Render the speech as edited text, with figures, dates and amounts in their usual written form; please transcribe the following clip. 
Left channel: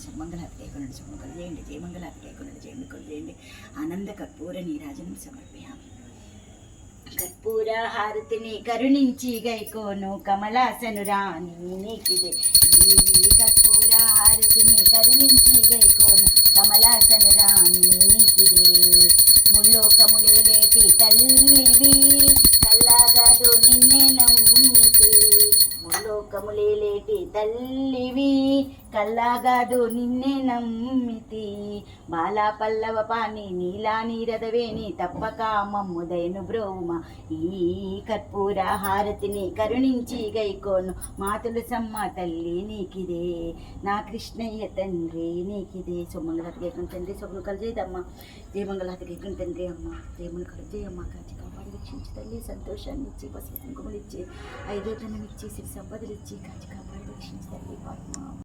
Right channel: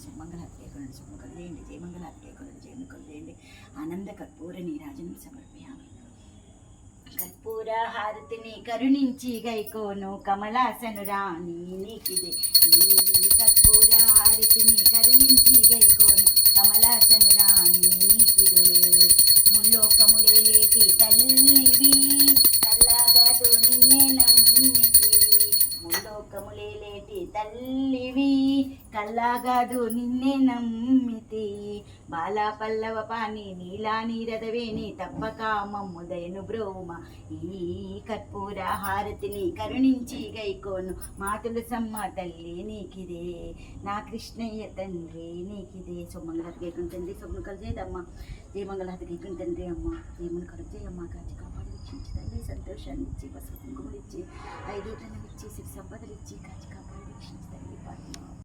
సుమంగళాతి కైకొనండి సుమంగళ చేయండి జయమంగళాతి కైకొనండి జయముఖలు చేయండి ఆనంద కర్పూర నీరాజనం సమర్పయామి కర్పూర హారతిని కరుణించి గైకోను కమలాసను రాణి నీకిదే ఈ కర్పూర హారతిని కరుణించి గైకోను కమలాసను రాణి నీకిదే ముల్లోకములేటి తల్లివి కల్లాగదు నిన్నే నమ్మితి ముల్లోకములేటి తల్లివి కల్లాగదు నిన్నే నమ్మితి బాలా పల్లవ పాని నీలా నీరదవేణి తప్పక మమ్ముదయను బ్రోమ ఈ కర్పూర హారతిని కరుణించి గైకోను మాతులు సమ్మ తల్లి నీకిదే నా కృష్ణయ్య తండ్రి నీకిదే సొమ్మంగళాతి గైకుని తండ్రి సొమ్మును కలిజేదమ్మ జయమంగళాతి గైకుని తండ్రి అమ్మ జయమును కలిజేయమ్మ కాచి కాపాడి రక్షించి తల్లి సంతోషాన్ని ఇచ్చి పసుపు కుంకుమలు ఇచ్చి ఐదోతనం ఇచ్చి సిరి సంపదలు ఇచ్చి కాచి కాపాడి రక్షించి తల్లి పాత్మ